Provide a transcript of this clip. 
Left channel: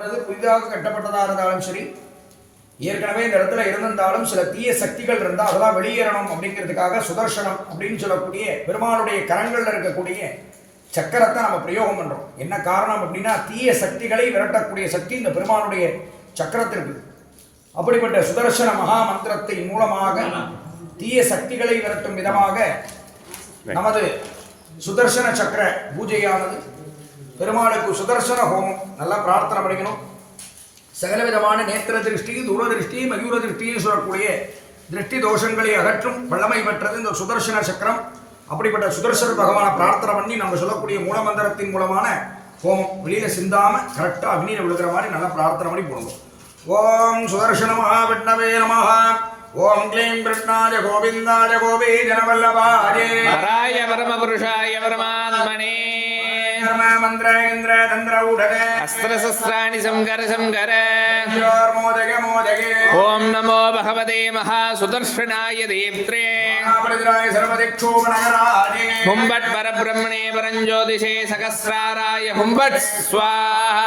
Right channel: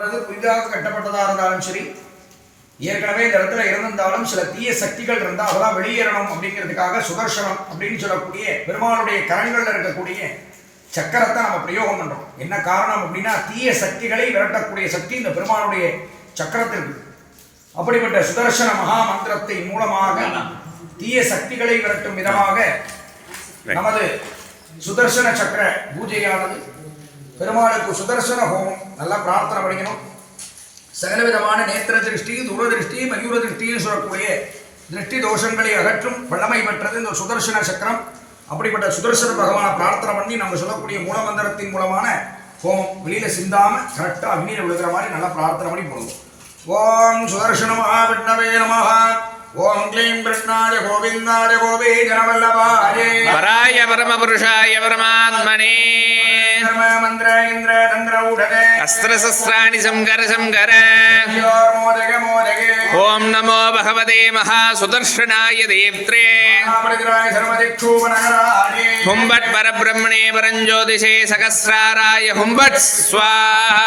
கட்டப்பட்டது புதிதாக கட்டப்பட்டதா இருந்தாலும் சரி ஏற்கனவே இந்த இடத்துல இருந்திருந்தாலும் சில தீய சக்திகள் இருந்தால் அதெல்லாம் வெளியேறணும் அப்படிங்கிறதுக்காக சுதர்சனம் அப்படின்னு சொல்லக்கூடிய பெருமாளுடைய கரங்கள்ல இருக்கக்கூடிய சக்கரத்தை நம்ம பிரயோகம் பண்ணுறோம் என்ன காரணம் அப்படின்னா தீய சக்திகளை விரட்டக்கூடிய சக்தி இந்த பெருமாளுடைய சக்கரத்திற்கு. அப்படிப்பட்ட சுதர்சன மகா மந்திரத்தின் மூலமாக தீய சக்திகளை விரட்டும் விதமாக நமது சுதர்சன சக்கர பூஜையானது பெருமாளுக்கு சுதர்சன ஹோமம் நல்லா பிரார்த்தனை பண்ணிக்கணும். சகல விதமான நேத்திர திருஷ்டி தூர திருஷ்டி மயூர திருஷ்டின்னு சொல்லக்கூடிய திருஷ்டி தோஷங்களை அகற்றும் வல்லமை பெற்றது இந்த சுதர்சன சக்கரம். அப்படிப்பட்ட சுதர்சன பகவானை பிரார்த்தனை பண்ணி நம்ம சொல்லக்கூடிய மூலமந்திரத்தின் மூலமான ஹோமம். வெளியில் சிந்தாம கரெக்டாக அக்னியில் விழுகிற மாதிரி நல்லா பிரார்த்தனை பண்ணி போடுவோம். ஓம் சுதர்சன மகாவிஷ்ணவே நமஹ. ஓம் க்ளீம் கிருஷ்ணாய கோவிந்தாய கோவே ஜனவல்லபாய வராய பரமபுருஷாய பரமாத்மனே. అస్త్రశస్త్రాణి సంకర సంకర ఓం నమో భగవతే మహాసుదర్శనాయ దేవ్రే హుంబట్ పరబ్రహ్మణే పరంజ్యోతిషే సహస్రారాయ హుంబట్ స్వాహ